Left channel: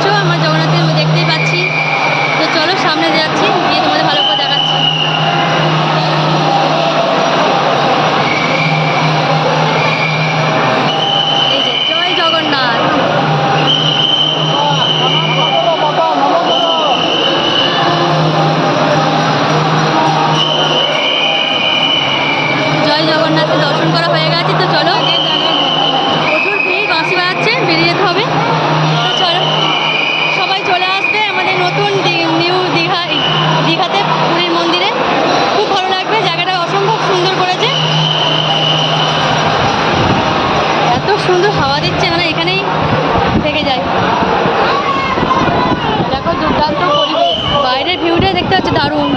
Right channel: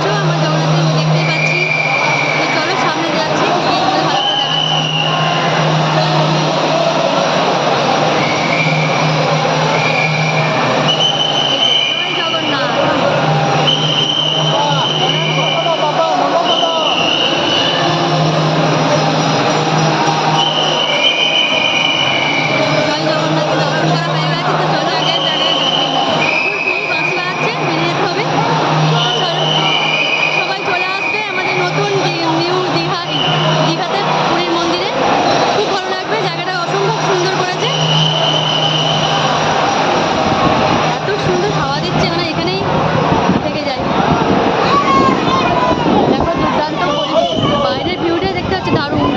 পাচ্ছ, আমার জগন্নাথের দেখতেই পাচ্ছি। তো চলো সামনে যাচ্ছি, গিয়ে তোমাদের ভালো করে দেখাচ্ছি। এই যে জয় জগন্নাথ। জয় জগন্নাথকে দর্শন করা হয়ে গেছে। তো চলো, প্রচুর ভিড়, বাঁশি বাজাচ্ছে, বেরিয়ে যেতে হবে। তো চলো, সবাই চলে আসবে আমাদের নতুন নিউ দীঘাতে, পুরীর মন্দিরে। খুব ভালো লাগবে, জায়গাটা অসম্ভব সুন্দর করেছে। এত সুন্দর হাওয়া দিচ্ছে, মানে এখানেই থেকে যায়। দেখো দুর্দান্ত পরিবেশ, বাইরের ভিউটা দেখতে হচ্ছে দারুণ।